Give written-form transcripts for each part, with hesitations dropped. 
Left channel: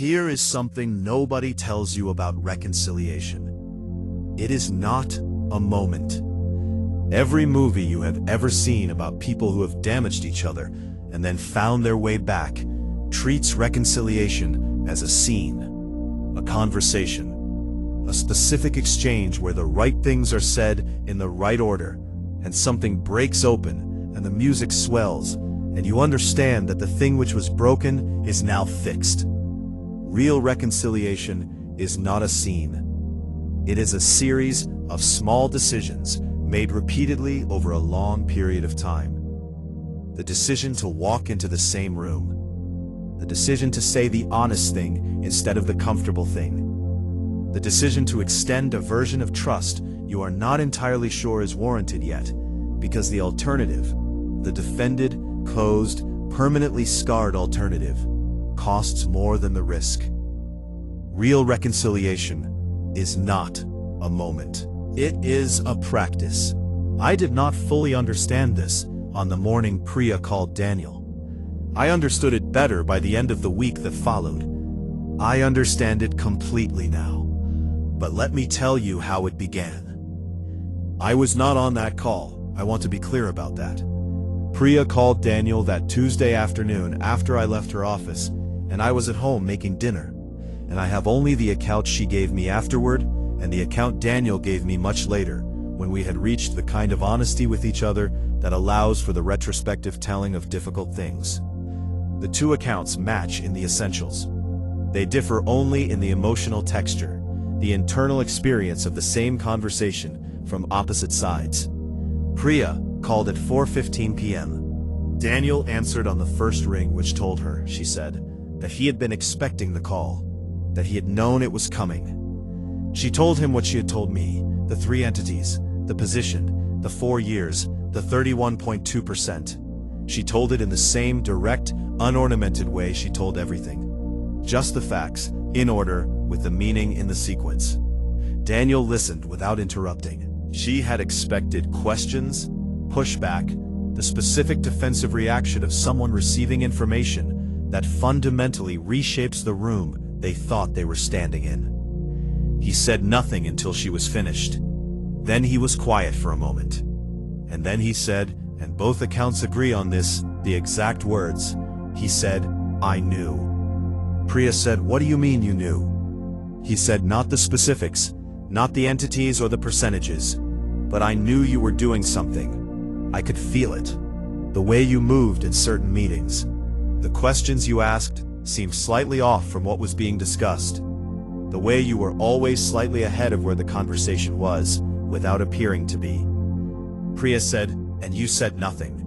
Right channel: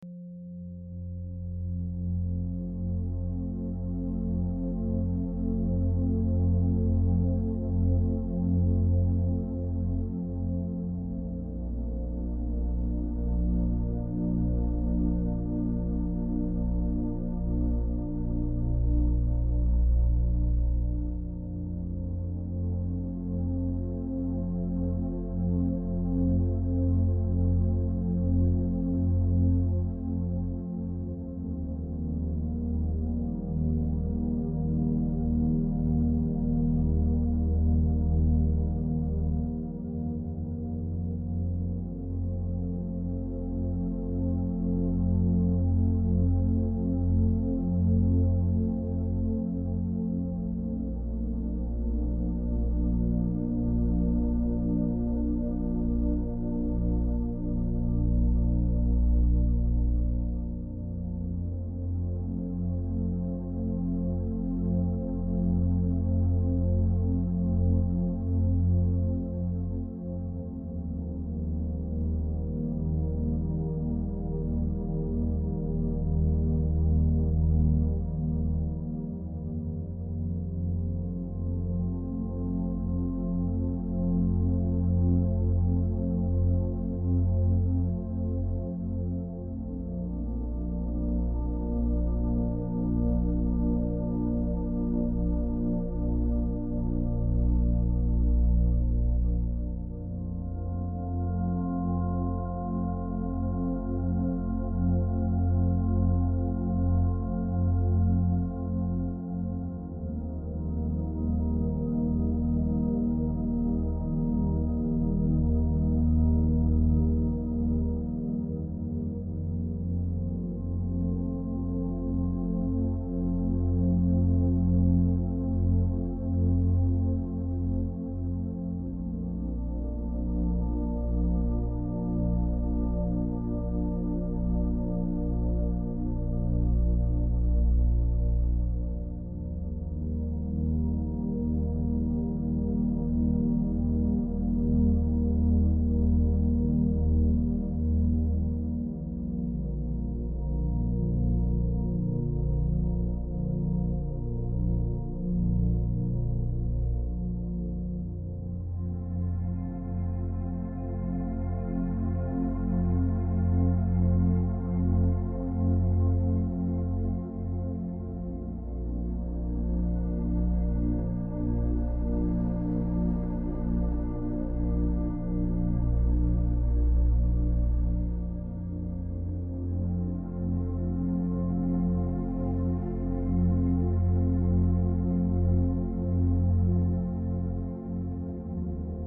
Here is something nobody tells you about reconciliation. It is not a moment. Every movie you have ever seen about people who have damaged each other and then found their way back treats reconciliation as a scene, a conversation, a specific exchange where the right things are said in the right order, and something breaks open and the music swells, and you understand that the thing which was broken is now fixed. Real reconciliation is not a scene. It is a series of small decisions made repeatedly over a long period of time. The decision to walk into the same room. The decision to say the honest thing instead of the comfortable thing. The decision to extend a version of trust you are not entirely sure is warranted yet, because the alternative, the defended, closed, permanently scarred alternative, costs more than the risk. Real reconciliation is not a moment. It is a practice. I did not fully understand this on the morning Priya called Daniel. I understood it better by the end of the week that followed. I understand it completely now. But let me tell you how it began. I was not on that call. I want to be clear about that. Priya called Daniel that Tuesday afternoon after I left her office, and I was at home making dinner. And I have only the account she gave me afterward, and the account Daniel gave me much later, when we had reached the kind of honesty with each other that allows for the retrospective telling of difficult things. The two accounts match in the essentials. They differ only in the emotional texture, the internal experience of the same conversation from opposite sides. Priya called at 4:15 p.m. Daniel answered on the first ring, which told her, she said, that he had been expecting the call, that he had known it was coming. She told him what she had told me, the 3 entities, the position, the 4 years, the 31.2%. She told it in the same direct, unornamented way she told everything. Just the facts, in order, with the meaning in the sequence. Daniel listened without interrupting. She had expected questions, pushback, the specific defensive reaction of someone receiving information that fundamentally reshapes the room they thought they were standing in. He said nothing until she was finished. Then he was quiet for a moment. And then he said, and both accounts agree on this, the exact words. He said, "I knew." Priya said, "What do you mean you knew?" He said, "Not the specifics, not the entities or the percentages, but I knew you were doing something. I could feel it. The way you moved at certain meetings. The questions you asked seemed slightly off from what was being discussed. The way you were always slightly ahead of where the conversation was, without appearing to be." Priya said, "And you said nothing."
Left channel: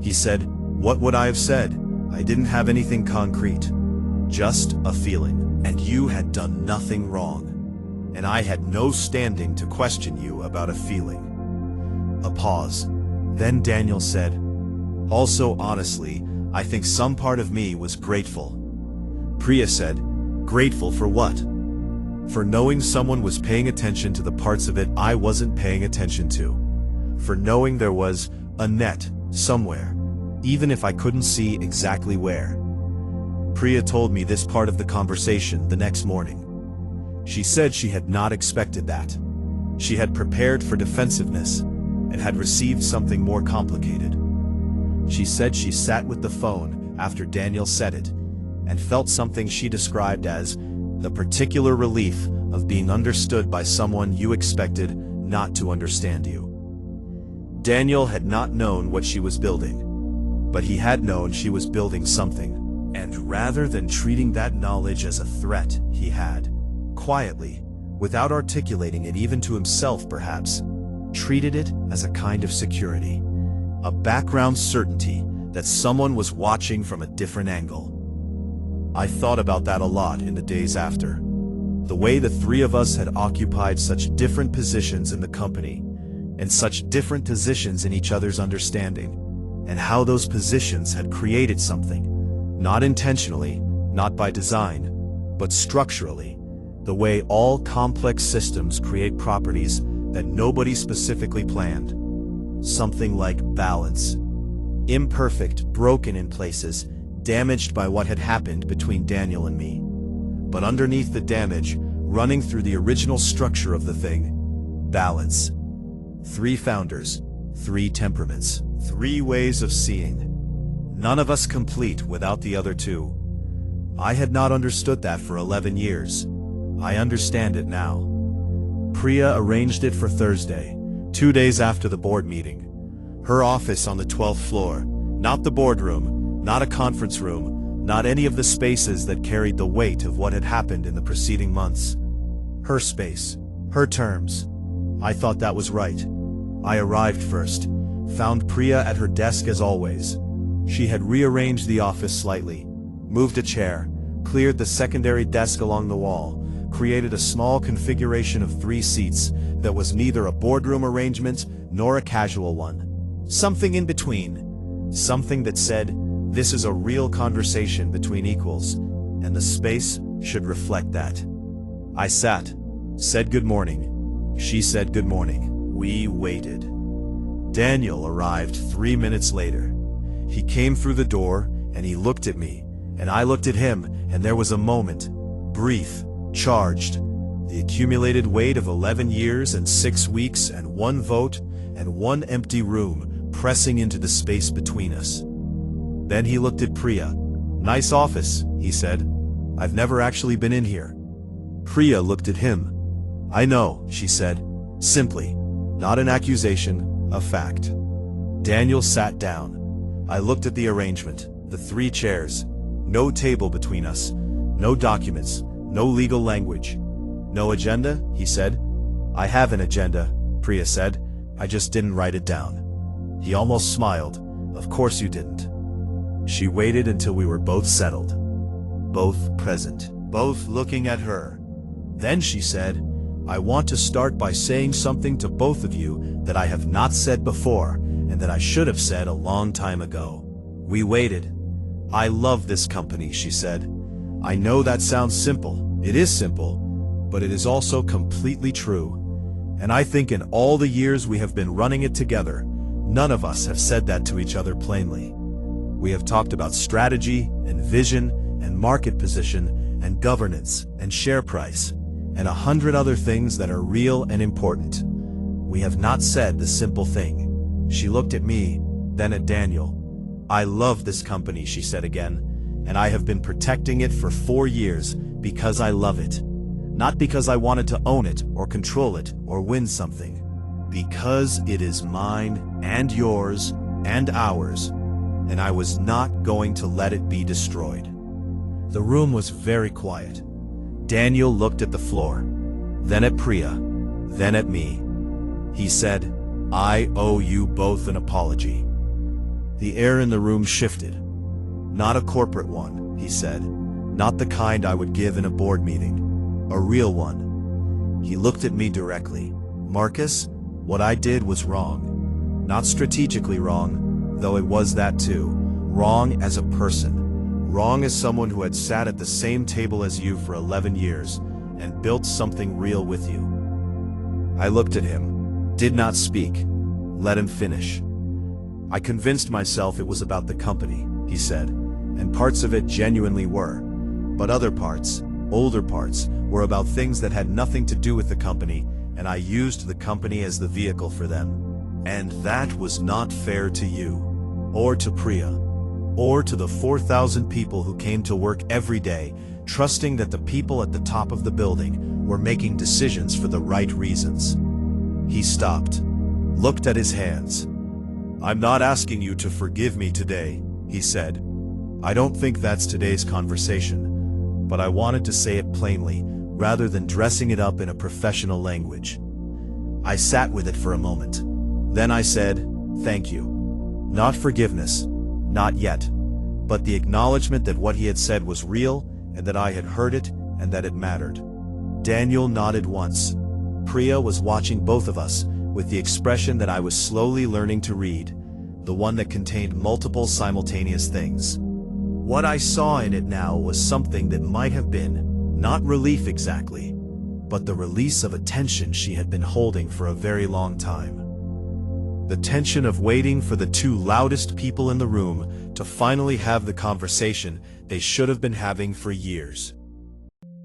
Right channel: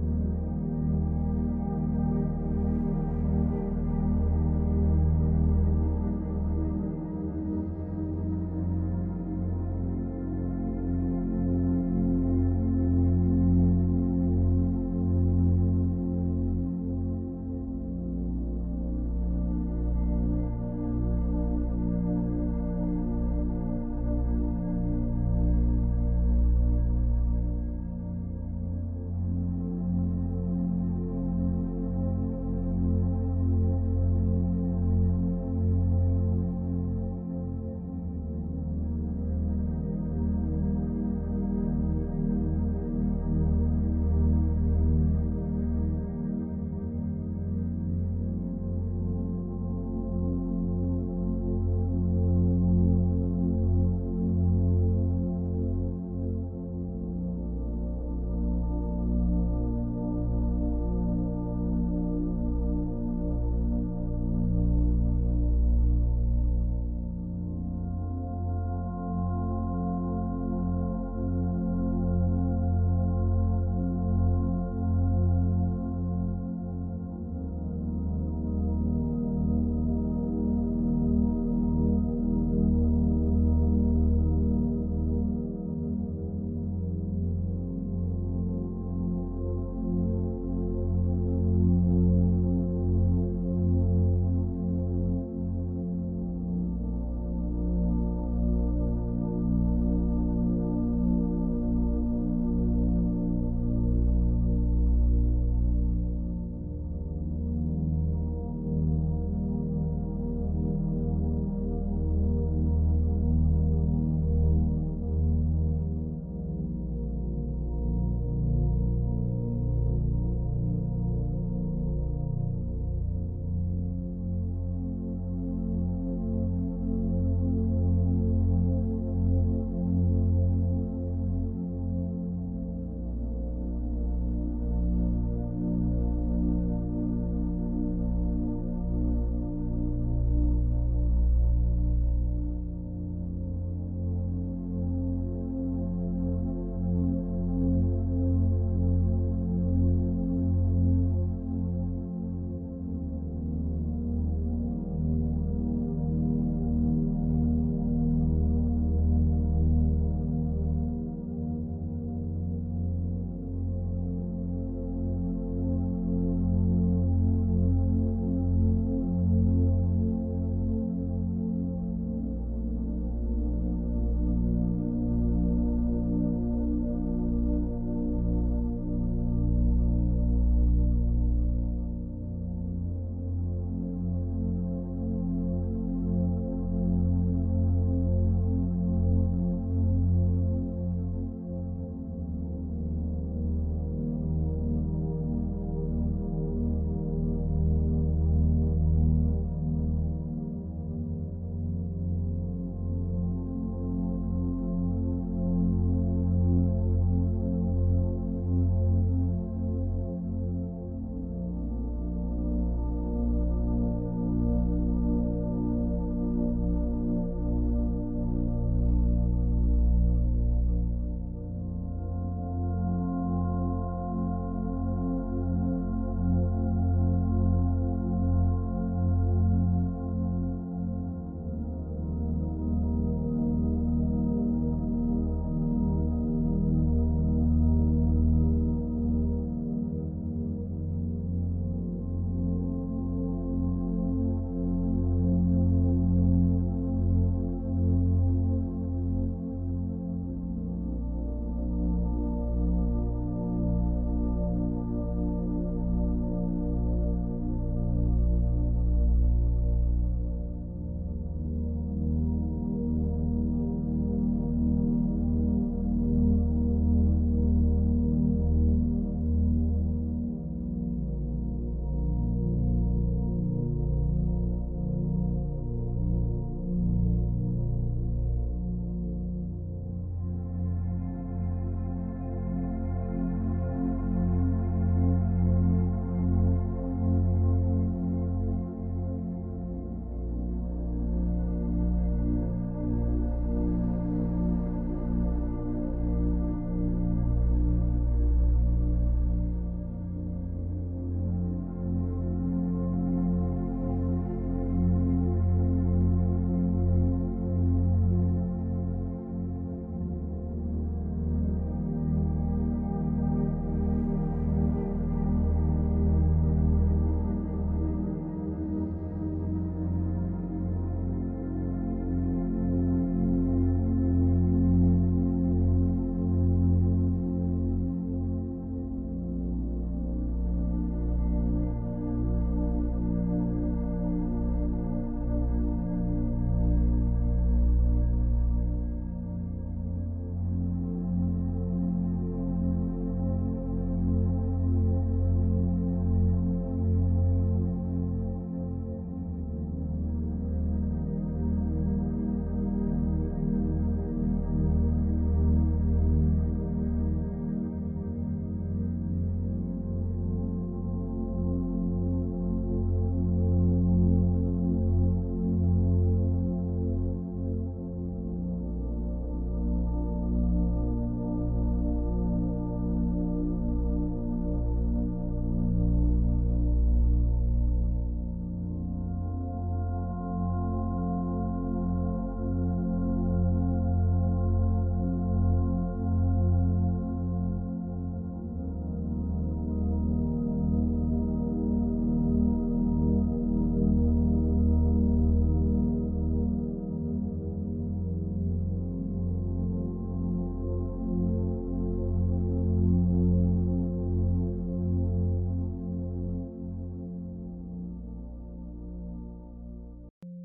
He said, "What would I have said? I didn't have anything concrete. Just a feeling. And you had done nothing wrong. And I had no standing to question you about a feeling." A pause. Then Daniel said, "Also, honestly, I think some part of me was grateful." Priya said, "Grateful for what?" "For knowing someone was paying attention to the parts of it I wasn't paying attention to. For knowing there was a net somewhere, even if I couldn't see exactly where." Priya told me this part of the conversation the next morning. She said she had not expected that. She had prepared for defensiveness and had received something more complicated. She said she sat with the phone after Daniel said it and felt something she described as the particular relief of being understood by someone you expected not to understand you. Daniel had not known what she was building, but he had known she was building something, and rather than treating that knowledge as a threat, he had, quietly, without articulating it even to himself perhaps, treated it as a kind of security, a background certainty that someone was watching from a different angle. I thought about that a lot in the days after. The way the 3 of us had occupied such different positions in the company, and such different positions in each other's understanding, and how those positions had created something, not intentionally, not by design, but structurally, the way all complex systems create properties that nobody specifically planned. Something like balance. Imperfect, broken in places, damaged by what had happened between Daniel and me. But underneath the damage, running through the original structure of the thing, balance. 3 founders, 3 temperaments, 3 ways of seeing. None of us complete without the other 2. I had not understood that for 11 years. I understand it now. Priya arranged it for Thursday, 2 days after the board meeting. Her office on the 12th floor, not the boardroom, not a conference room, not any of the spaces that carried the weight of what had happened in the preceding months. Her space, her terms. I thought that was right. I arrived first, found Priya at her desk as always. She had rearranged the office slightly, moved a chair, cleared the secondary desk along the wall, created a small configuration of 3 seats that was neither a boardroom arrangement nor a casual one. Something in between. Something that said, this is a real conversation between equals, and the space should reflect that. I sat, said good morning. She said good morning. We waited. Daniel arrived 3 minutes later. He came through the door, and he looked at me, and I looked at him, and there was a moment, brief, charged, the accumulated weight of 11 years and 6 weeks and 1 vote and 1 empty room pressing into the space between us. Then he looked at Priya. Nice office, he said. I've never actually been in here. Priya looked at him. I know, she said, simply, not an accusation, a fact. Daniel sat down. I looked at the arrangement, the 3 chairs, no table between us, no documents, no legal language. No agenda, he said. I have an agenda, Priya said. I just didn't write it down. He almost smiled. Of course you didn't. She waited until we were both settled, both present, both looking at her. Then she said, I want to start by saying something to both of you that I have not said before and that I should have said a long time ago. We waited. I love this company, she said. I know that sounds simple. It is simple, but it is also completely true. And I think in all the years we have been running it together, none of us have said that to each other plainly. We have talked about strategy and vision and market position and governance and share price and 100 other things that are real and important. We have not said the simple thing. She looked at me, then at Daniel. I love this company, she said again, and I have been protecting it for 4 years because I love it. Not because I wanted to own it or control it or win something. Because it is mine and yours and ours, and I was not going to let it be destroyed. The room was very quiet. Daniel looked at the floor, then at Priya, then at me. He said, I owe you both an apology. The air in the room shifted. Not a corporate one, he said. Not the kind I would give in a board meeting. A real one. He looked at me directly. Marcus, what I did was wrong. Not strategically wrong, though it was that too. Wrong as a person. Wrong as someone who had sat at the same table as you for 11 years and built something real with you. I looked at him, did not speak, let him finish. I convinced myself it was about the company, he said, and parts of it genuinely were. But other parts, older parts, were about things that had nothing to do with the company, and I used the company as the vehicle for them. And that was not fair to you, or to Priya, or to the 4,000 people who came to work every day, trusting that the people at the top of the building were making decisions for the right reasons. He stopped, looked at his hands. I'm not asking you to forgive me today, he said. I don't think that's today's conversation, but I wanted to say it plainly, rather than dressing it up in a professional language. I sat with it for a moment. Then I said, thank you. Not forgiveness, not yet, but the acknowledgement that what he had said was real, and that I had heard it, and that it mattered. Daniel nodded once. Priya was watching both of us, with the expression that I was slowly learning to read, the one that contained multiple simultaneous things. What I saw in it now was something that might have been, not relief exactly, but the release of a tension she had been holding for a very long time. The tension of waiting for the 2 loudest people in the room to finally have the conversation they should have been having for years.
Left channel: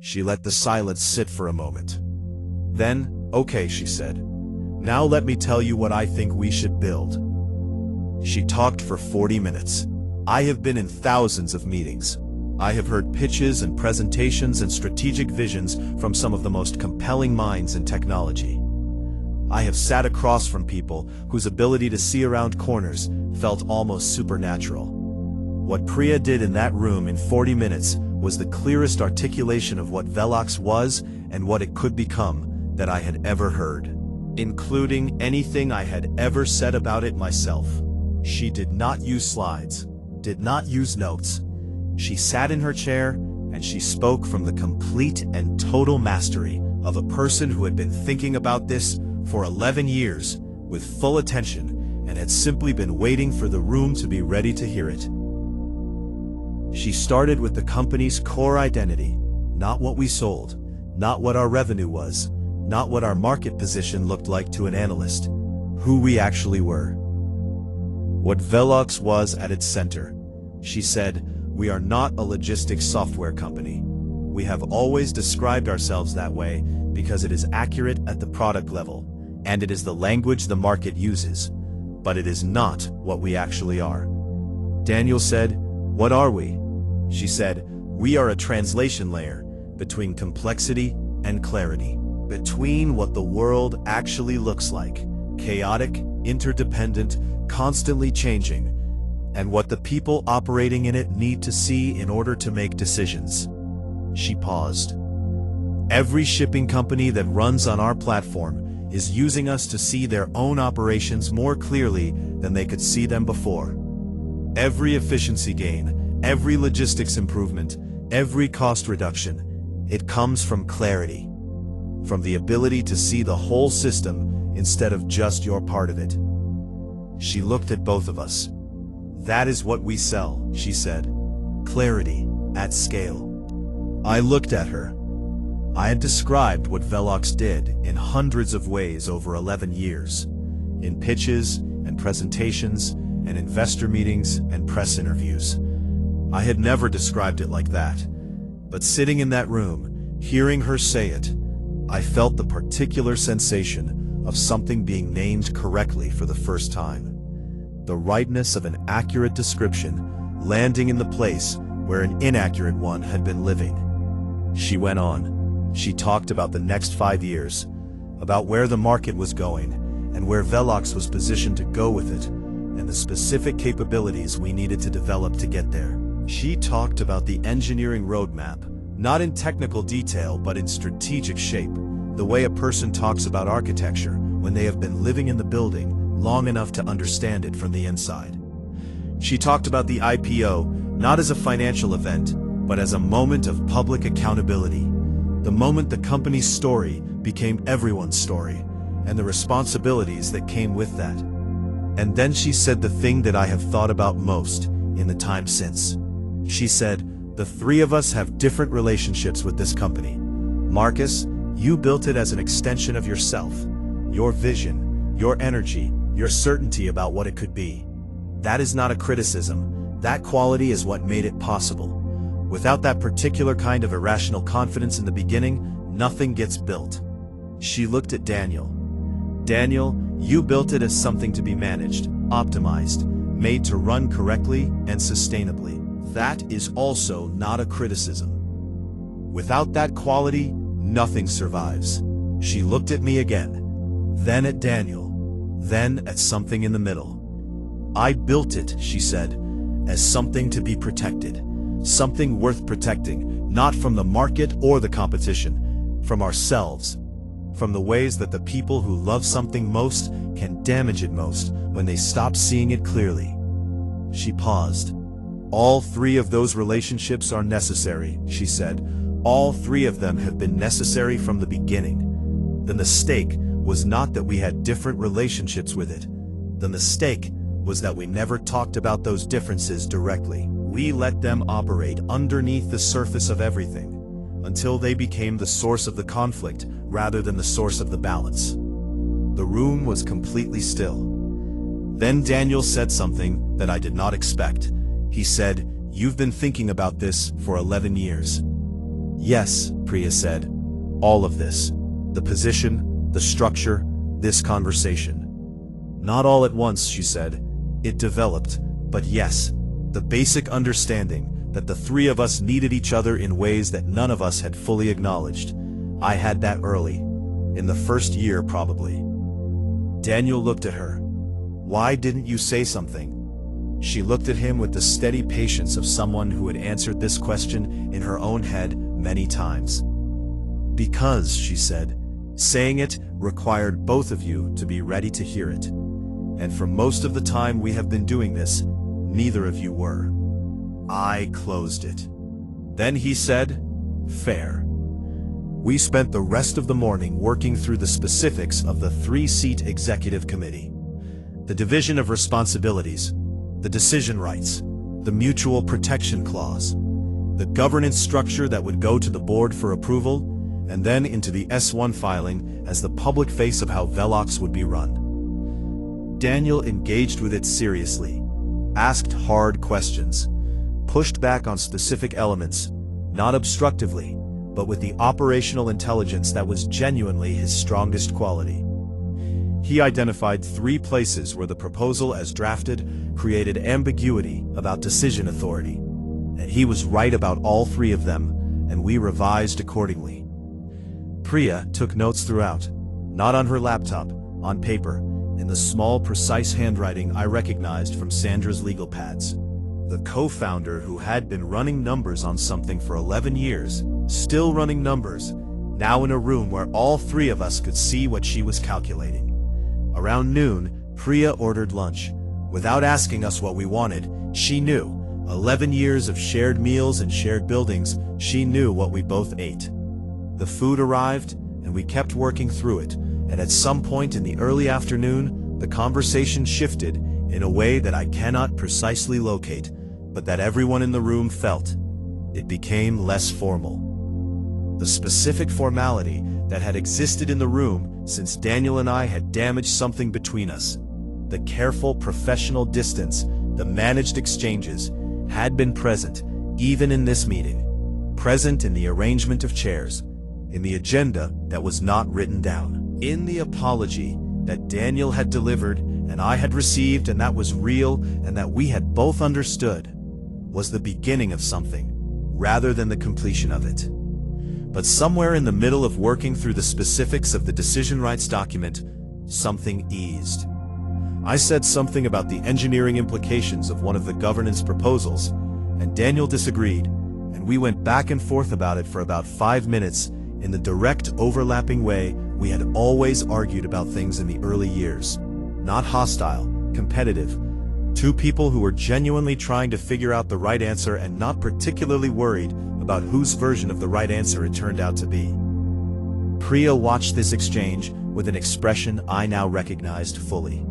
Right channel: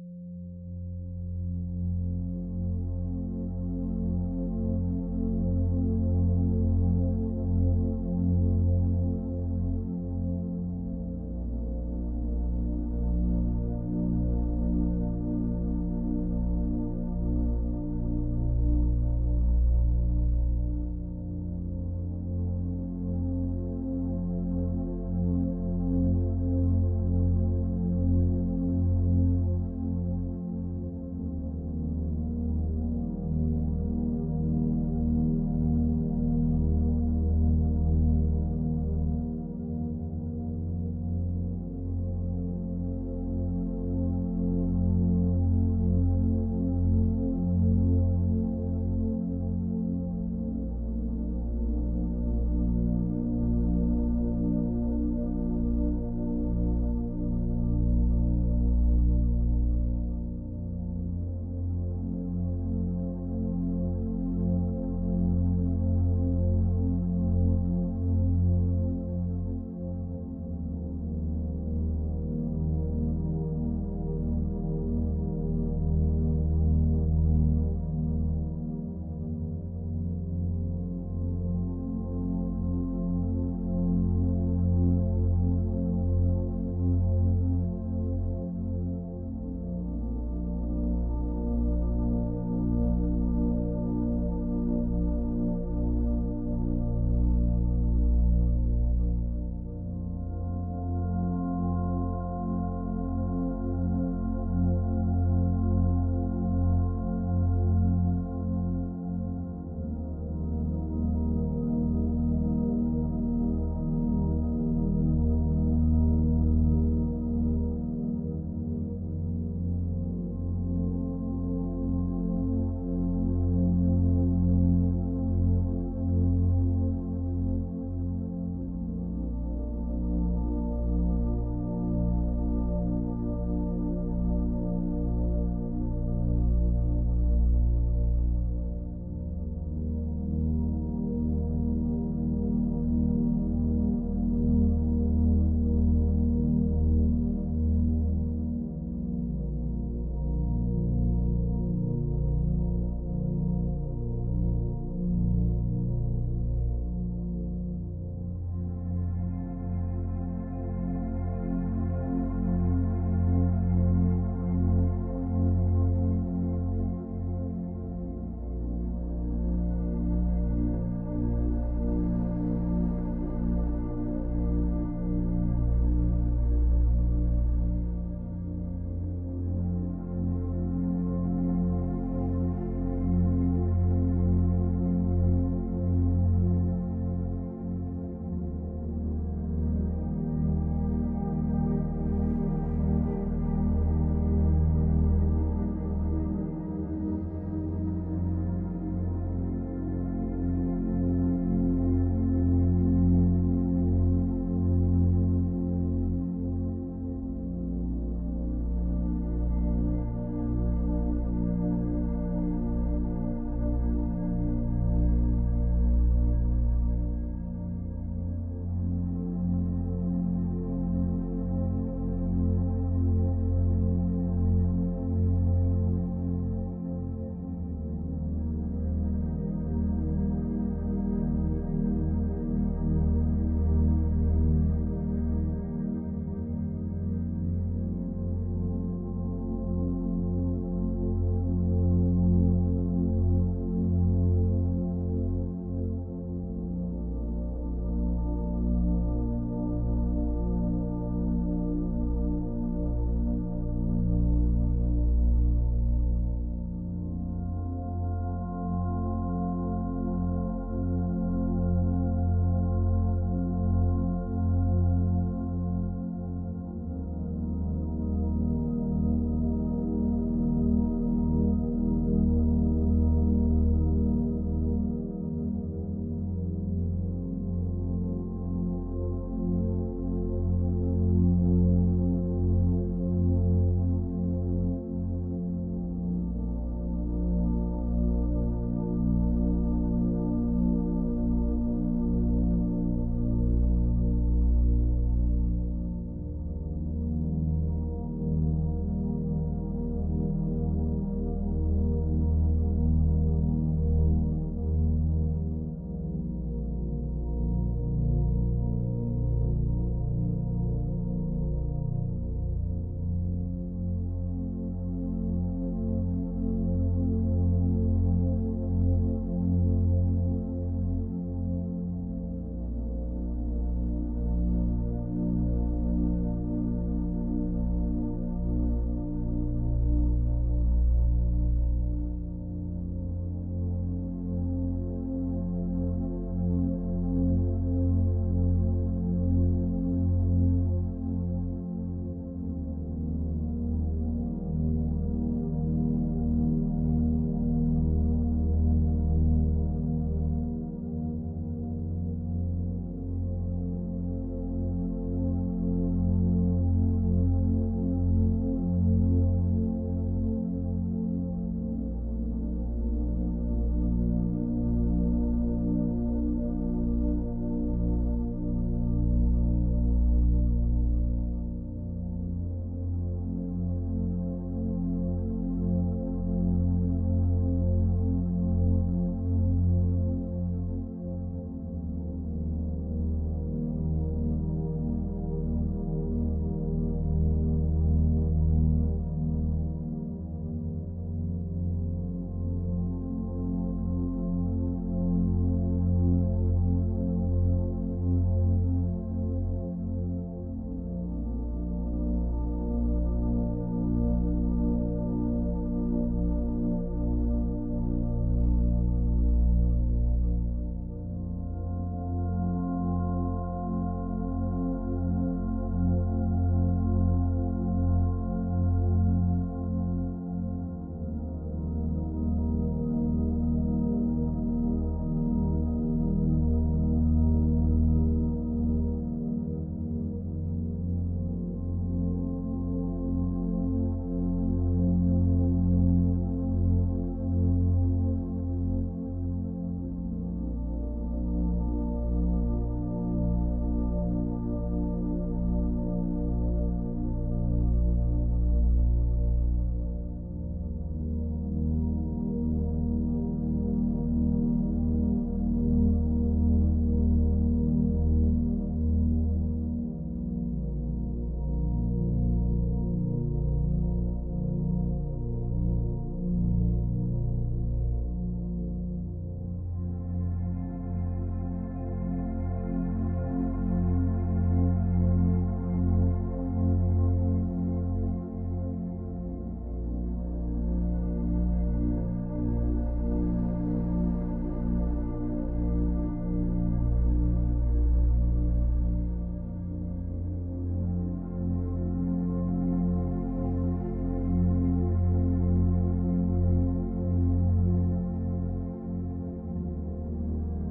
She let the silence sit for a moment. Then, "Okay," she said. "Now let me tell you what I think we should build." She talked for 40 minutes. I have been in thousands of meetings. I have heard pitches and presentations and strategic visions from some of the most compelling minds in technology. I have sat across from people whose ability to see around corners felt almost supernatural. What Priya did in that room in 40 minutes was the clearest articulation of what VELOX was and what it could become that I had ever heard, including anything I had ever said about it myself. She did not use slides, did not use notes. She sat in her chair and she spoke from the complete and total mastery of a person who had been thinking about this for 11 years with full attention and had simply been waiting for the room to be ready to hear it. She started with the company's core identity, not what we sold, not what our revenue was, not what our market position looked like to an analyst, who we actually were. What VELOX was at its center. She said, "We are not a logistics software company. We have always described ourselves that way because it is accurate at the product level, and it is the language the market uses, but it is not what we actually are." Daniel said, "What are we?" She said, "We are a translation layer between complexity and clarity, between what the world actually looks like, chaotic, interdependent, constantly changing, and what the people operating in it need to see in order to make decisions." She paused. "Every shipping company that runs on our platform is using us to see their own operations more clearly than they could see them before. Every efficiency gain, every logistics improvement, every cost reduction, it comes from clarity, from the ability to see the whole system instead of just your part of it." She looked at both of us. "That is what we sell," she said. "Clarity at scale." I looked at her. I had described what VELOX did in hundreds of ways over 11 years, in pitches and presentations and investor meetings and press interviews. I had never described it like that, but sitting in that room, hearing her say it, I felt the particular sensation of something being named correctly for the first time. The rightness of an accurate description landing in the place where an inaccurate one had been living. She went on. She talked about the next 5 years, about where the market was going, and where VELOX was positioned to go with it, and the specific capabilities we needed to develop to get there. She talked about the engineering roadmap, not in technical detail but in strategic shape, the way a person talks about architecture when they have been living in the building long enough to understand it from the inside. She talked about the IPO not as a financial event, but as a moment of public accountability, the moment the company's story became everyone's story, and the responsibilities that came with that. And then she said the thing that I have thought about most in the time since. She said, "The three of us have different relationships with this company. Marcus, you built it as an extension of yourself, your vision, your energy, your certainty about what it could be. That is not a criticism. That quality is what made it possible. Without that particular kind of irrational confidence in the beginning, nothing gets built." She looked at Daniel. "Daniel, you built it as something to be managed, optimized, made to run correctly and sustainably. That is also not a criticism. Without that quality, nothing survives." She looked at me again, then at Daniel, then at something in the middle. "I built it," she said, "as something to be protected, something worth protecting, not from the market or the competition, from ourselves, from the ways that the people who love something most can damage it most when they stop seeing it clearly." She paused. "All three of those relationships are necessary," she said. "All three of them have been necessary from the beginning. The mistake was not that we had different relationships with it. The mistake was that we never talked about those differences directly. We let them operate underneath the surface of everything, until they became the source of the conflict rather than the source of the balance." The room was completely still. Then Daniel said something that I did not expect. He said, "You've been thinking about this for 11 years. Yes, Priya said. All of this. The position, the structure, this conversation. Not all at once, she said. It developed, but yes, the basic understanding that the three of us needed each other in ways that none of us had fully acknowledged. I had that early. In the first year, probably. Daniel looked at her. Why didn't you say something? She looked at him with the steady patience of someone who had answered this question in her own head many times. Because, she said, saying it required both of you to be ready to hear it. And for most of the time we have been doing this, neither of you were. I closed it. Then he said, fair. We spent the rest of the morning working through the specifics of the 3-seat executive committee. The division of responsibilities, the decision rights, the mutual protection clause, the governance structure that would go to the board for approval, and then into the S1 filing as the public face of how VELOX would be run. Daniel engaged with it seriously, asked hard questions, pushed back on specific elements, not obstructively, but with the operational intelligence that was genuinely his strongest quality. He identified 3 places where the proposal as drafted created ambiguity about decision authority, and he was right about all 3 of them, and we revised accordingly. Priya took notes throughout, not on her laptop, on paper, in the small, precise handwriting I recognized from Sandra's legal pads. The co-founder who had been running numbers on something for 11 years, still running numbers, now in a room where all 3 of us could see what she was calculating. Around noon, Priya ordered lunch. Without asking us what we wanted, she knew. 11 years of shared meals and shared buildings, she knew what we both ate. The food arrived, and we kept working through it, and at some point in the early afternoon, the conversation shifted in a way that I cannot precisely locate, but that everyone in the room felt. It became less formal. The specific formality that had existed in the room since Daniel and I had damaged something between us, the careful professional distance, the managed exchanges, had been present, even in this meeting, present in the arrangement of chairs, in the agenda that was not written down, in the apology that Daniel had delivered and I had received, and that was real and that we had both understood, was the beginning of something, rather than the completion of it. But somewhere in the middle of working through the specifics of the decision rights document, something eased. I said something about the engineering implications of one of the governance proposals, and Daniel disagreed, and we went back and forth about it for about 5 minutes in the direct, overlapping way we had always argued about things in the early years. Not hostile, competitive. 2 people who were genuinely trying to figure out the right answer and not particularly worried about whose version of the right answer it turned out to be. Priya watched this exchange with an expression I now recognized fully.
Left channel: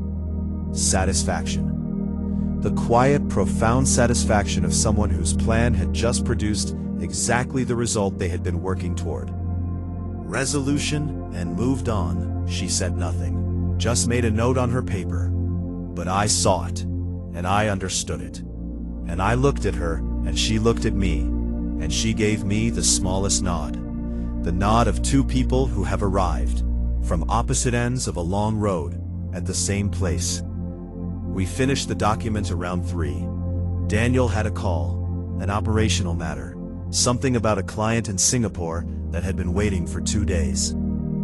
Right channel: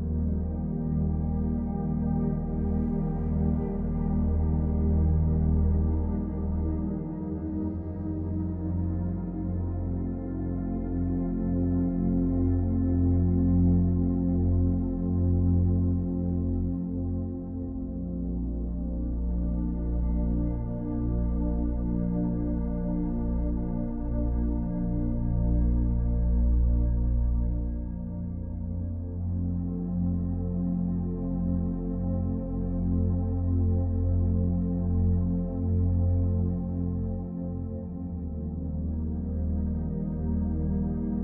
Satisfaction. The quiet, profound satisfaction of someone whose plan had just produced exactly the result they had been working toward. Resolution and moved on. She said nothing, just made a note on her paper. But I saw it, and I understood it. And I looked at her, and she looked at me, and she gave me the smallest nod. The nod of 2 people who have arrived, from opposite ends of a long road, at the same place. We finished the document around 3. Daniel had a call, an operational matter, something about a client in Singapore that had been waiting for 2 days.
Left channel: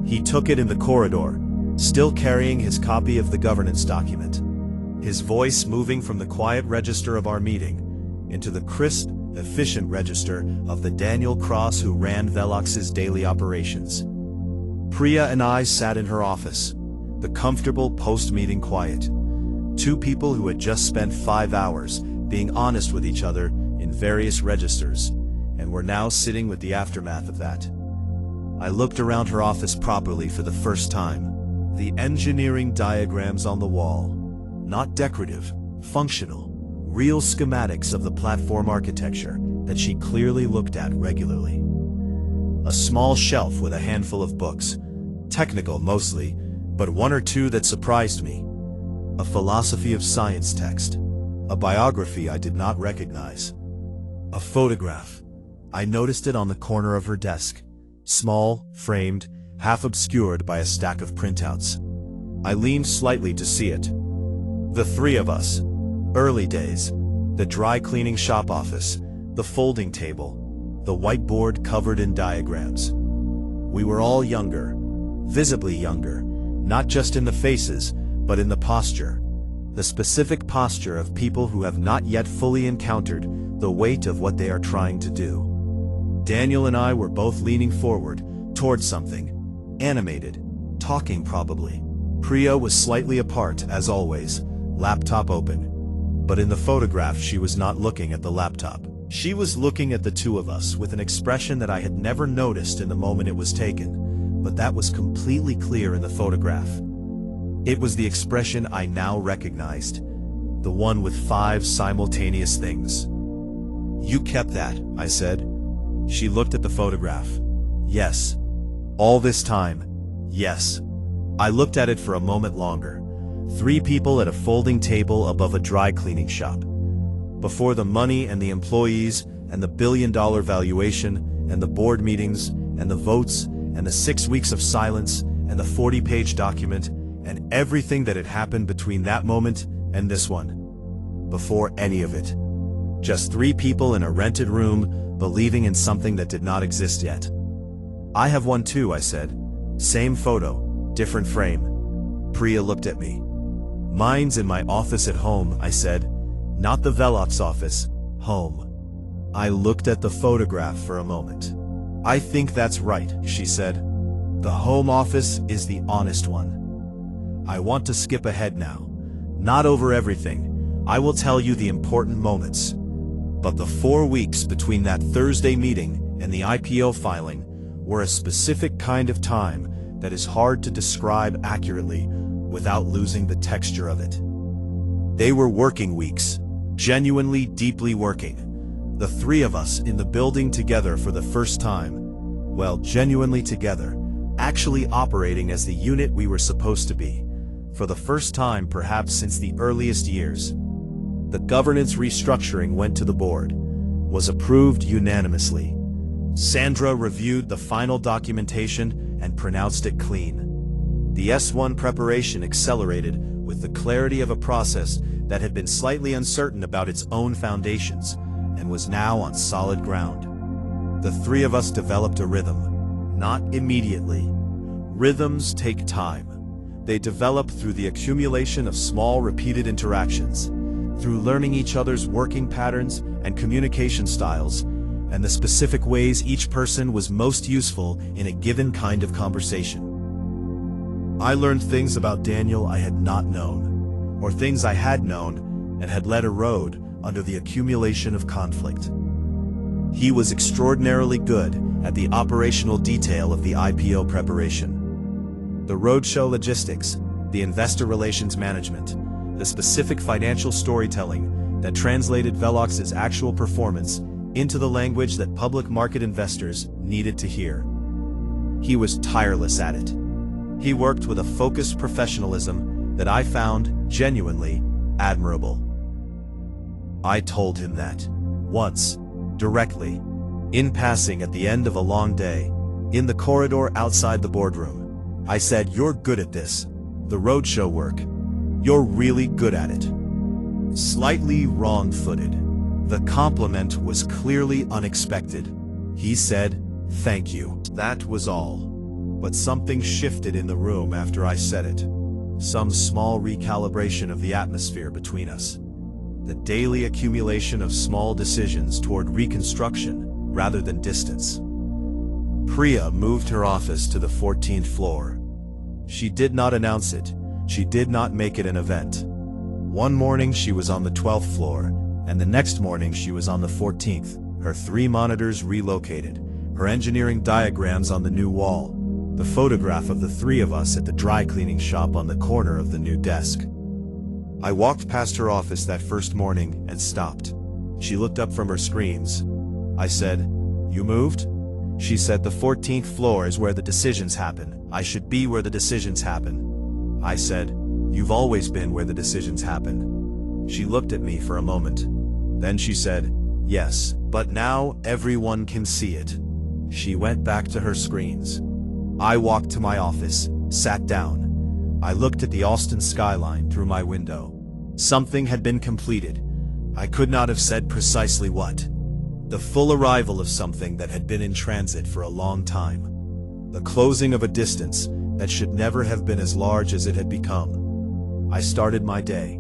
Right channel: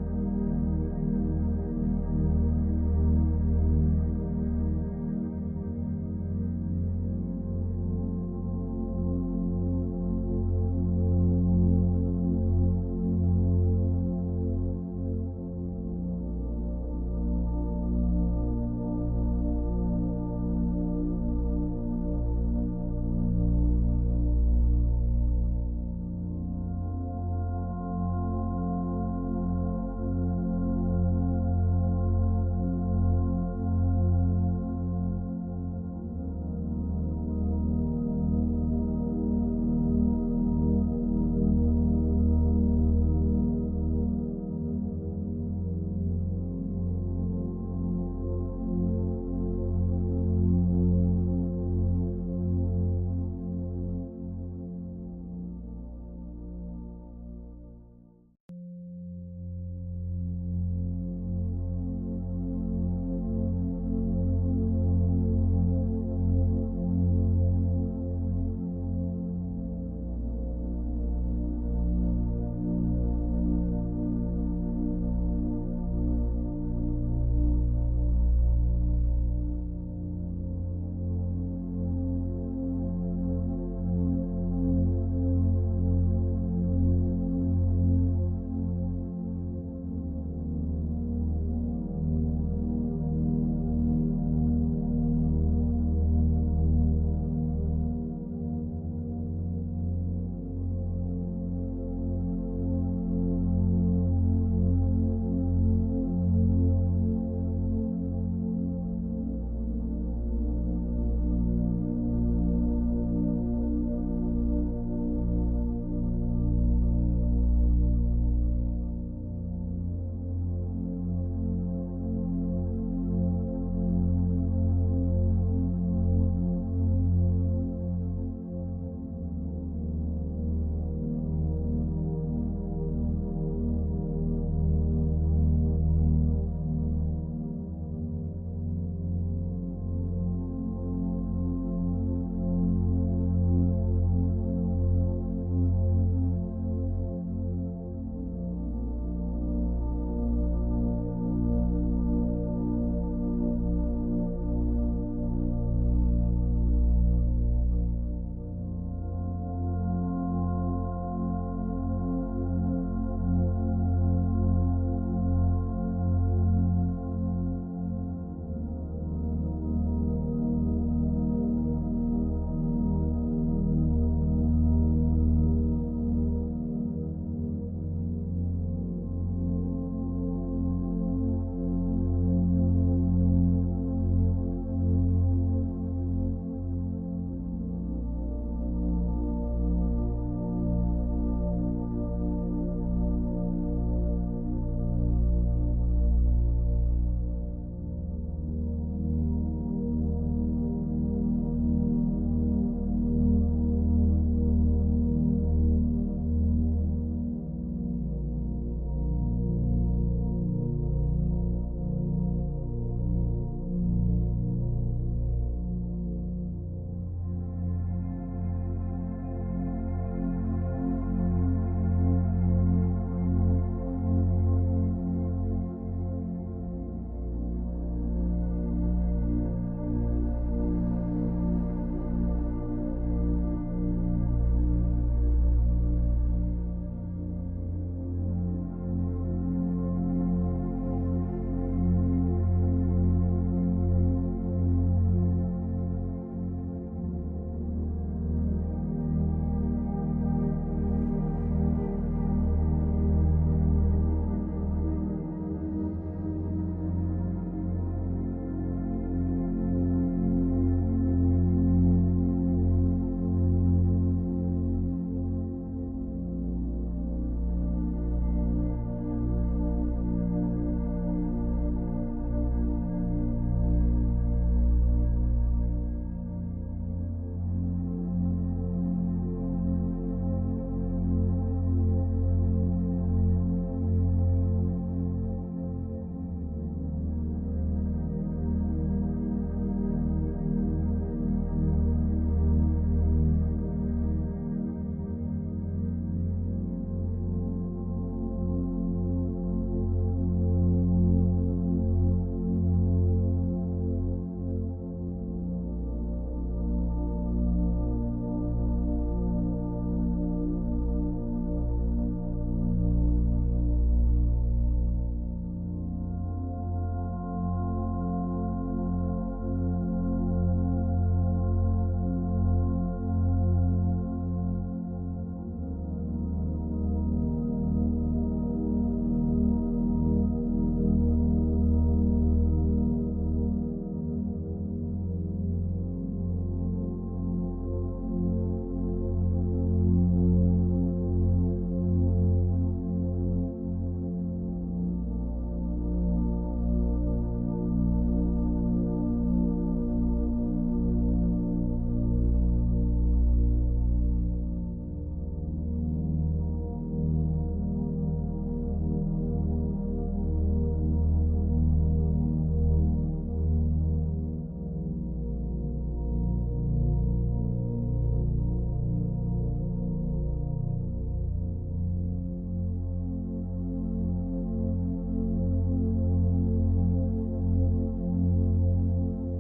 He took it in the corridor, still carrying his copy of the governance document, his voice moving from the quiet register of our meeting into the crisp, efficient register of the Daniel Cross who ran VELOX's daily operations. Priya and I sat in her office, the comfortable post-meeting quiet. 2 people who had just spent 5 hours being honest with each other in various registers, and were now sitting with the aftermath of that. I looked around her office properly for the first time. The engineering diagrams on the wall, not decorative, functional, real schematics of the platform architecture that she clearly looked at regularly. A small shelf with a handful of books, technical mostly, but 1 or 2 that surprised me. A philosophy of science text, a biography I did not recognize, a photograph, I noticed it on the corner of her desk. Small, framed, half obscured by a stack of printouts. I leaned slightly to see it. The three of us. Early days. The dry cleaning shop office. The folding table. The whiteboard covered in diagrams. We were all younger. Visibly younger. Not just in the faces, but in the posture. The specific posture of people who have not yet fully encountered the weight of what they are trying to do. Daniel and I were both leaning forward, towards something. Animated. Talking probably. Priya was slightly apart, as always, laptop open. But in the photograph she was not looking at the laptop. She was looking at the two of us with an expression that I had never noticed in the moment it was taken, but that was completely clear in the photograph. It was the expression I now recognized, the one with 5 simultaneous things. "You kept that," I said. She looked at the photograph. "Yes. All this time, yes." I looked at it for a moment longer. 3 people at a folding table above a dry cleaning shop. Before the money and the employees and the billion-dollar valuation and the board meetings and the votes and the 6 weeks of silence and the 40-page document and everything that had happened between that moment and this one. Before any of it. Just 3 people in a rented room believing in something that did not exist yet. "I have one too," I said. "Same photo, different frame." Priya looked at me. "Mine's in my office at home," I said. "Not the VELOX office, home." I looked at the photograph for a moment. "I think that's right," she said. "The home office is the honest one." I want to skip ahead now. Not over everything. I will tell you the important moments. But the 4 weeks between that Thursday meeting and the IPO filing were a specific kind of time that is hard to describe accurately without losing the texture of it. They were working weeks, genuinely deeply working. The 3 of us in the building together for the first time. Well, genuinely together, actually operating as the unit we were supposed to be. For the first time perhaps since the earliest years. The governance restructuring went to the board, was approved unanimously. Sandra reviewed the final documentation and pronounced it clean. The S1 preparation accelerated with the clarity of a process that had been slightly uncertain about its own foundations and was now on solid ground. The 3 of us developed a rhythm, not immediately. Rhythms take time. They develop through the accumulation of small repeated interactions, through learning each other's working patterns and communication styles, and the specific ways each person was most useful in a given kind of conversation. I learned things about Daniel I had not known, or things I had known and had let erode under the accumulation of conflict. He was extraordinarily good at the operational detail of the IPO preparation. The roadshow logistics, the investor relations management, the specific financial storytelling that translated VELOX's actual performance into the language that public market investors needed to hear. He was tireless at it. He worked with a focused professionalism that I found genuinely admirable. I told him that, once, directly, in passing at the end of a long day, in the corridor outside the boardroom. I said, "You're good at this, the roadshow work. You're really good at it." Slightly wrong-footed. The compliment was clearly unexpected. He said, "Thank you." That was all. But something shifted in the room after I said it. Some small recalibration of the atmosphere between us. The daily accumulation of small decisions toward reconstruction rather than distance. Priya moved her office to the 14th floor. She did not announce it. She did not make it an event. One morning she was on the 12th floor, and the next morning she was on the 14th, her 3 monitors relocated, her engineering diagrams on the new wall, the photograph of the 3 of us at the dry cleaning shop on the corner of the new desk. I walked past her office that first morning and stopped. She looked up from her screens. I said, "You moved?" She said, "The 14th floor is where the decisions happen. I should be where the decisions happen." I said, "You've always been where the decisions happen." She looked at me for a moment. Then she said, "Yes, But now everyone can see it. She went back to her screens. I walked to my office, sat down. I looked at the Austin skyline through my window. Something had been completed. I could not have said precisely what. The full arrival of something that had been in transit for a long time. The closing of a distance that should never have been as large as it had become. I started my day.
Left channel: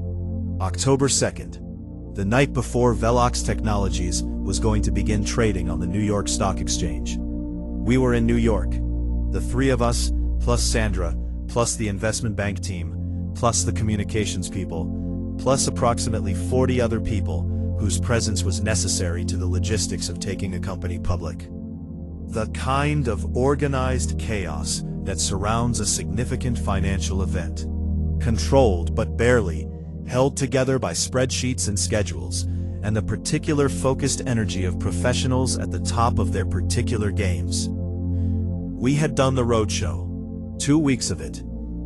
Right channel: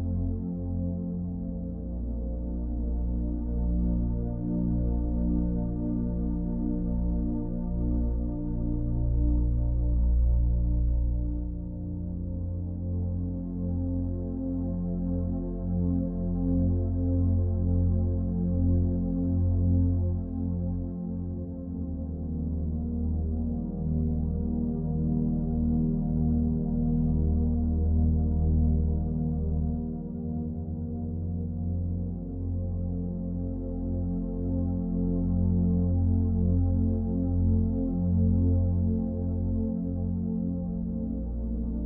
October 2nd, the night before VELOX Technologies was going to begin trading on the New York Stock Exchange. We were in New York. The three of us, plus Sandra, plus the investment bank team, plus the communications people, plus approximately 40 other people whose presence was necessary to the logistics of taking a company public. The kind of organized chaos that surrounds a significant financial event. Controlled but barely, held together by spreadsheets and schedules, and the particular focused energy of professionals at the top of their particular games. We had done the roadshow, 2 weeks of it,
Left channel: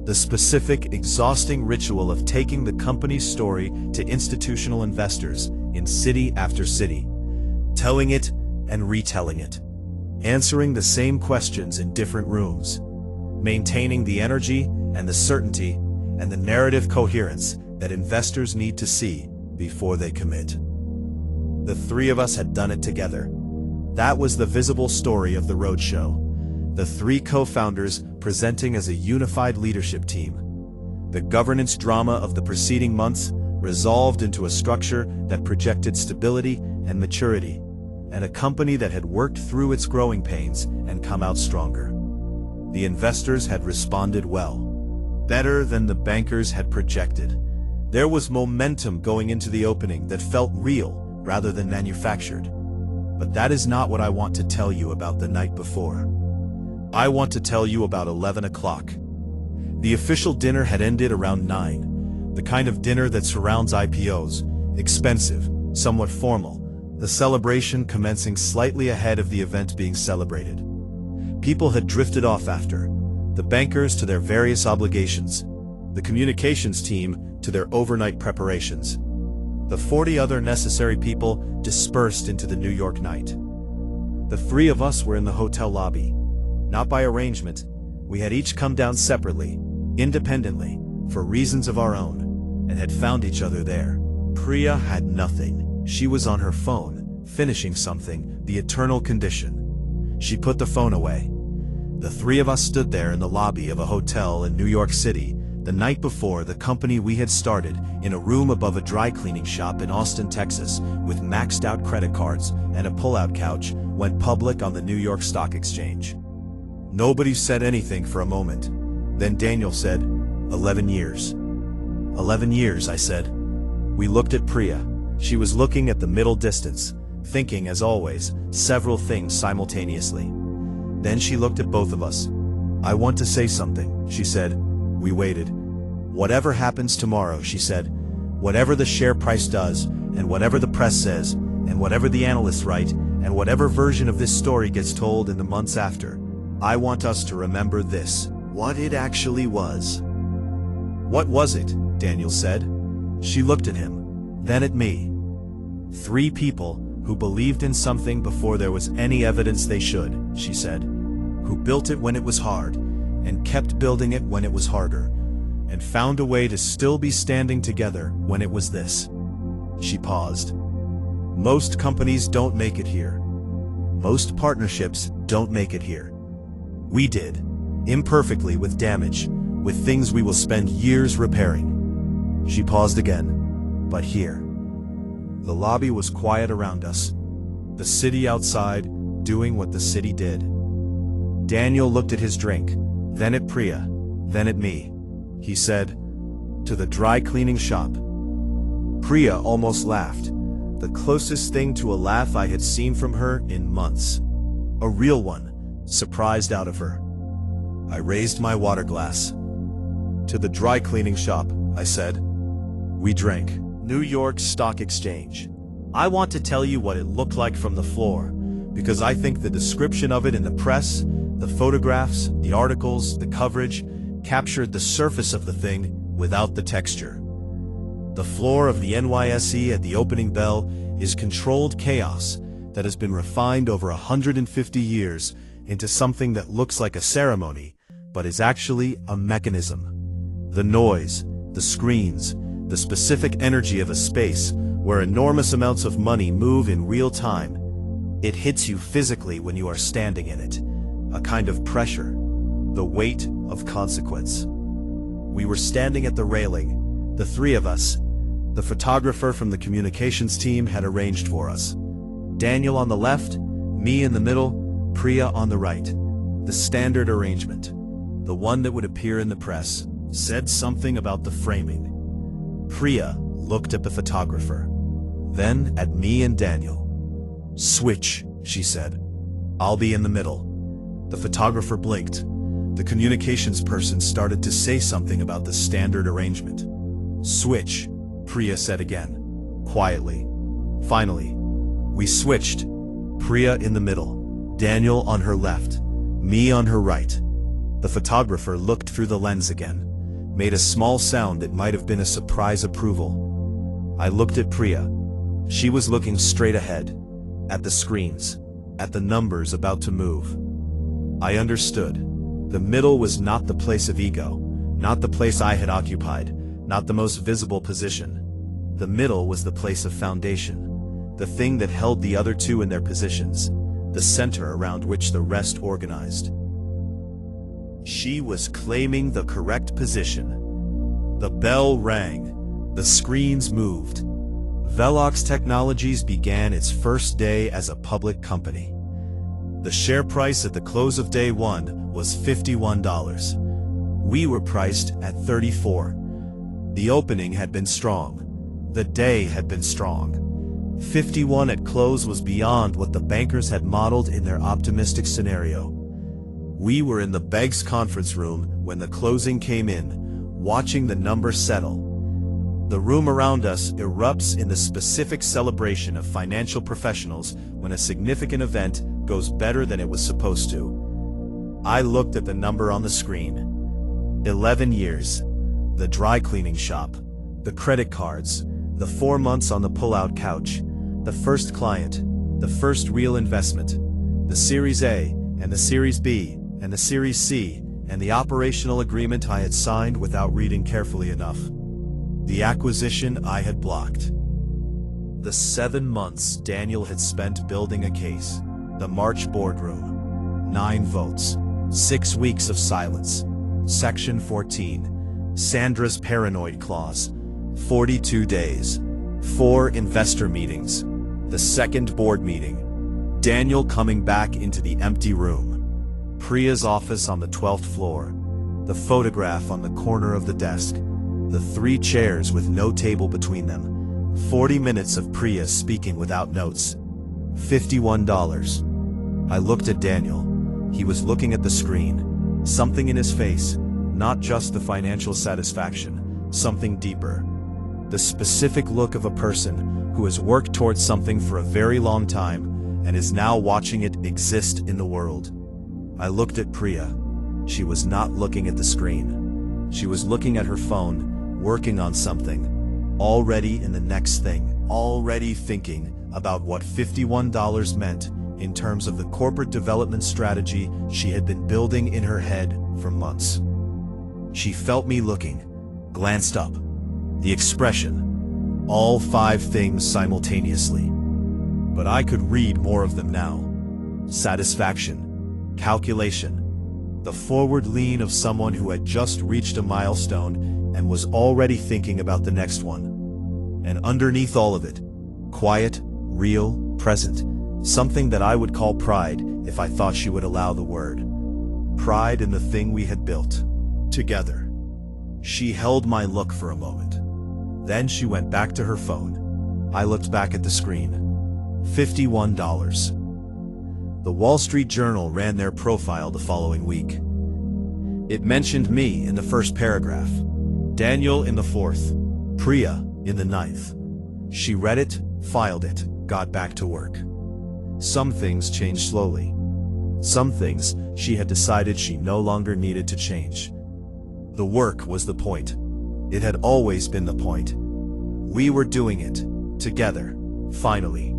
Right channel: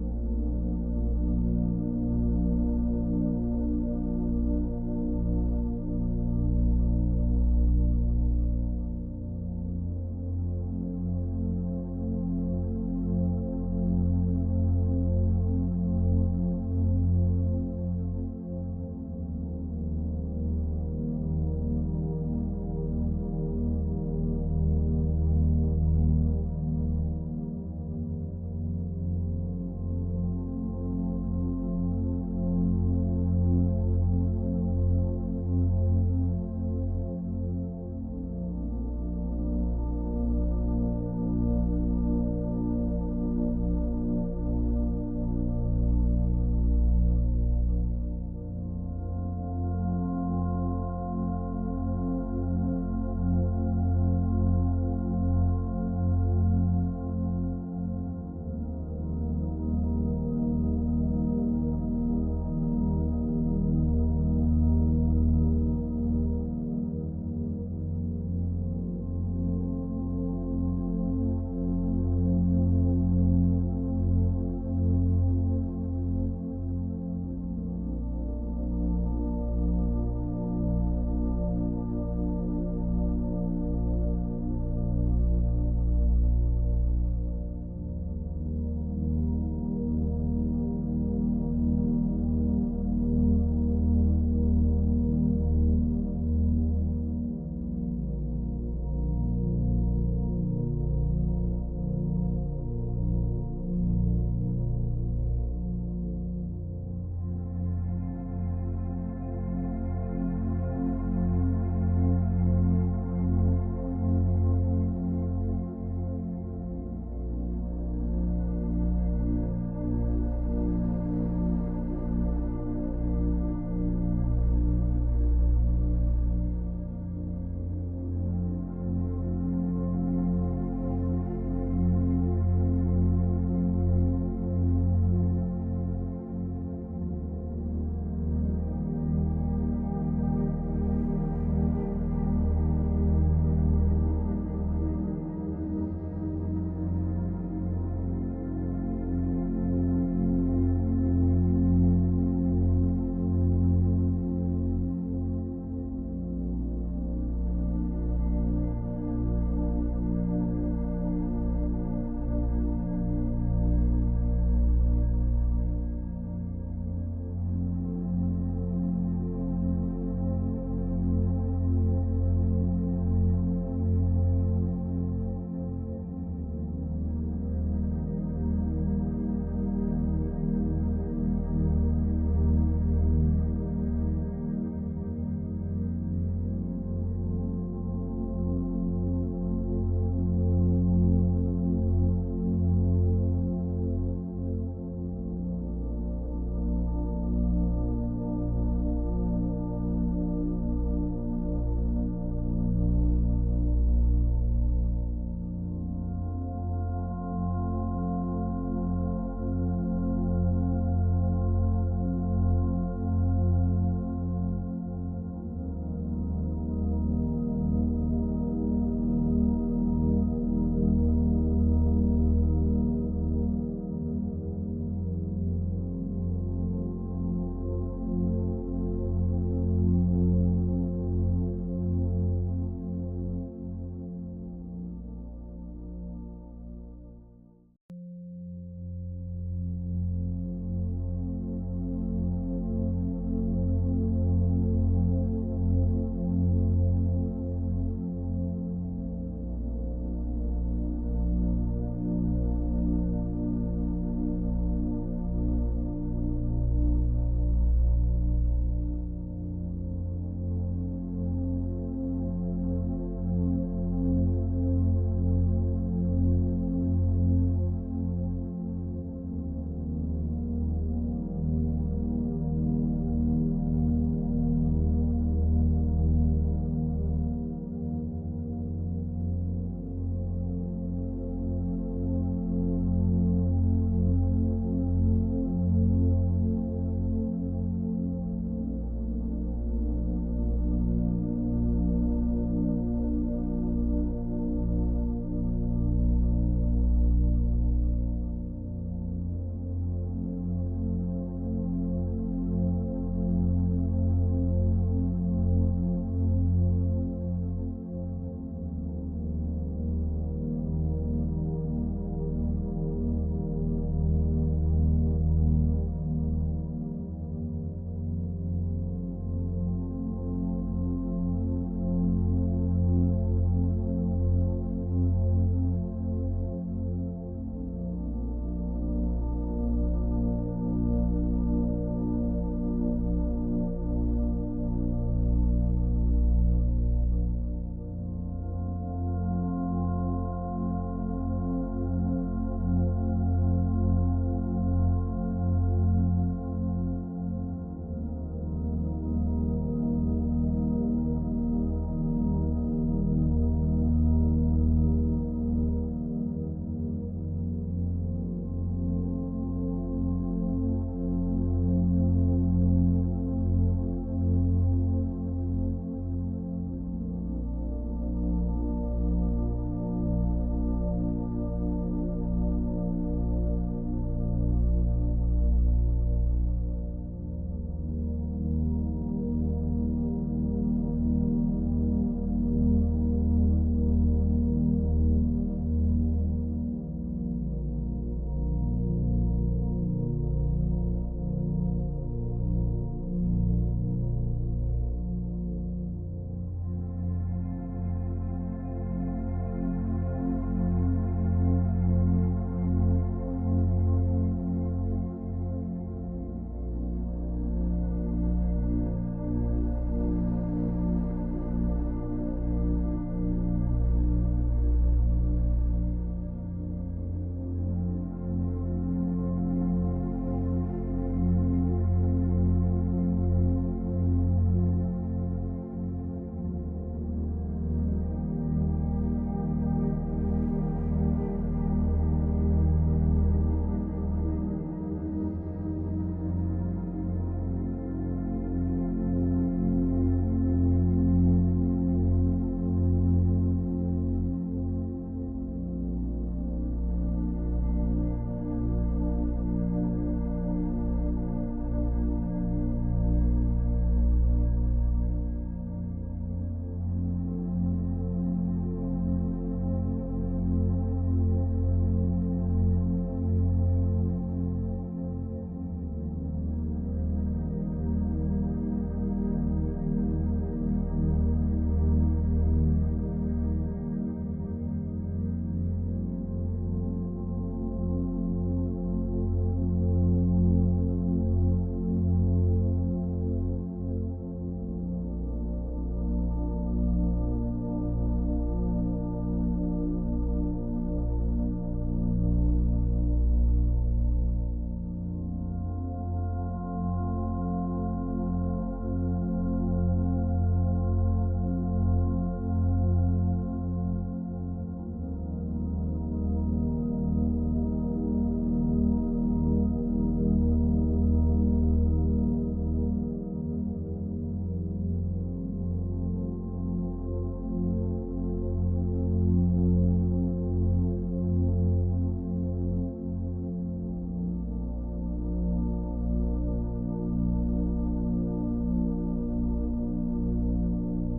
the specific, exhausting ritual of taking the company's story to institutional investors in city after city, telling it and retelling it, answering the same questions in different rooms, maintaining the energy and the certainty and the narrative coherence that investors need to see before they commit. The three of us had done it together. That was the visible story of the roadshow. The three co-founders presenting as a unified leadership team. The governance drama of the preceding months resolved into a structure that projected stability and maturity, and a company that had worked through its growing pains and come out stronger. The investors had responded well, better than the bankers had projected. There was momentum going into the opening that felt real rather than manufactured. But that is not what I want to tell you about the night before. I want to tell you about 11 o'clock. The official dinner had ended around 9, the kind of dinner that surrounds IPOs, expensive, somewhat formal, the celebration commencing slightly ahead of the event being celebrated. People had drifted off after, the bankers to their various obligations, the communications team to their overnight preparations. The 40 other necessary people dispersed into the New York night. The three of us were in the hotel lobby. Not by arrangement, we had each come down separately, independently, for reasons of our own, and had found each other there. Priya had nothing. She was on her phone, finishing something, the eternal condition. She put the phone away. The three of us stood there in the lobby of a hotel in New York City, the night before the company we had started, in a room above a dry cleaning shop in Austin, Texas, with maxed out credit cards and a pull-out couch, went public on the New York Stock Exchange. Nobody said anything for a moment. Then Daniel said, 11 years. 11 years, I said. We looked at Priya. She was looking at the middle distance, thinking, as always, several things simultaneously. Then she looked at both of us. I want to say something, she said. We waited. Whatever happens tomorrow, she said. Whatever the share price does, and whatever the press says, and whatever the analysts write, and whatever version of this story gets told in the months after, I want us to remember this, what it actually was. What was it? Daniel said. She looked at him, then at me. Three people who believed in something before there was any evidence they should, she said. Who built it when it was hard, and kept building it when it was harder, and found a way to still be standing together when it was this. She paused. Most companies don't make it here. Most partnerships don't make it here. We did, imperfectly with damage, with things we will spend years repairing. She paused again, but here. The lobby was quiet around us. The city outside, doing what the city did. Daniel looked at his drink, then at Priya, then at me. He said, to the dry cleaning shop. Priya almost laughed, the closest thing to a laugh I had seen from her in months. A real one. Surprised out of her. I raised my water glass. To the dry cleaning shop, I said. We drank. New York Stock Exchange. I want to tell you what it looked like from the floor, because I think the description of it in the press, the photographs, the articles, the coverage, captured the surface of the thing without the texture. The floor of the NYSE at the opening bell is controlled chaos, that has been refined over 150 years into something that looks like a ceremony, but is actually a mechanism. The noise, the screens, the specific energy of a space where enormous amounts of money move in real time. It hits you physically when you are standing in it. A kind of pressure, the weight of consequence. We were standing at the railing, the three of us. The photographer from the communications team had arranged for us. Daniel on the left, me in the middle, Priya on the right. The standard arrangement, the one that would appear in the press, said something about the framing. Priya looked at the photographer, then at me and Daniel. "Switch," she said. "I'll be in the middle." The photographer blinked. The communications person started to say something about the standard arrangement. "Switch," Priya said again, quietly. Finally, we switched. Priya in the middle, Daniel on her left, me on her right. The photographer looked through the lens again, made a small sound that might have been a surprise approval. I looked at Priya. She was looking straight ahead, at the screens, at the numbers about to move. I understood. The middle was not the place of ego, not the place I had occupied, not the most visible position. The middle was the place of foundation, the thing that held the other two in their positions, the center around which the rest organized. She was claiming the correct position. The bell rang. The screens moved. VELOX Technologies began its first day as a public company. The share price at the close of day one was $51. We were priced at $34. The opening had been strong. The day had been strong. 51 at close was beyond what the bankers had modeled in their optimistic scenario. We were in the Beggs conference room when the closing came in, watching the number settle. The room around us erupts in the specific celebration of financial professionals when a significant event goes better than it was supposed to. I looked at the number on the screen. 11 years. The dry cleaning shop. The credit cards. The 4 months on the pull-out couch. The first client. The first real investment. The Series A, and the Series B, and the Series C, and the operational agreement I had signed without reading carefully enough. The acquisition I had blocked. The 7 months Daniel had spent building a case. The March boardroom. 9 votes. 6 weeks of silence. Section 14. Sandra's paranoid clause. 42 days. 4 investor meetings. The second board meeting. Daniel coming back into the empty room. Priya's office on the 12th floor. The photograph on the corner of the desk. The 3 chairs with no table between them. 40 minutes of Priya speaking without notes. $51. I looked at Daniel. He was looking at the screen. Something in his face, not just the financial satisfaction, something deeper. The specific look of a person who has worked towards something for a very long time and is now watching it exist in the world. I looked at Priya. She was not looking at the screen. She was looking at her phone, working on something, already in the next thing, already thinking about what $51 meant in terms of the corporate development strategy she had been building in her head for months. She felt me looking, glanced up. The expression, all 5 things simultaneously. But I could read more of them now. Satisfaction, calculation, the forward lean of someone who had just reached a milestone and was already thinking about the next one. And underneath all of it, quiet, real, present, something that I would call pride if I thought she would allow the word. Pride in the thing we had built. Together. She held my look for a moment. Then she went back to her phone. I looked back at the screen. $51. The Wall Street Journal ran their profile the following week. It mentioned me in the first paragraph, Daniel in the 4th, Priya in the 9th. She read it, filed it, got back to work. Some things changed slowly. Some things she had decided she no longer needed to change. The work was the point. It had always been the point. We were doing it, together, finally.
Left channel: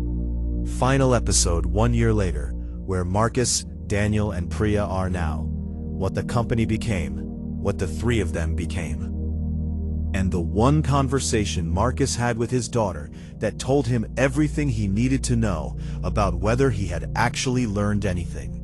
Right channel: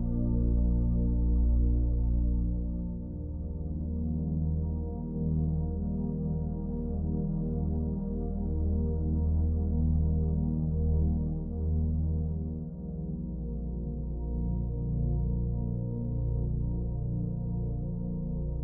Final episode 1 year later, where Marcus, Daniel, and Priya are now. What the company became, what the three of them became. And the one conversation Marcus had with his daughter that told him everything he needed to know about whether he had actually learned anything.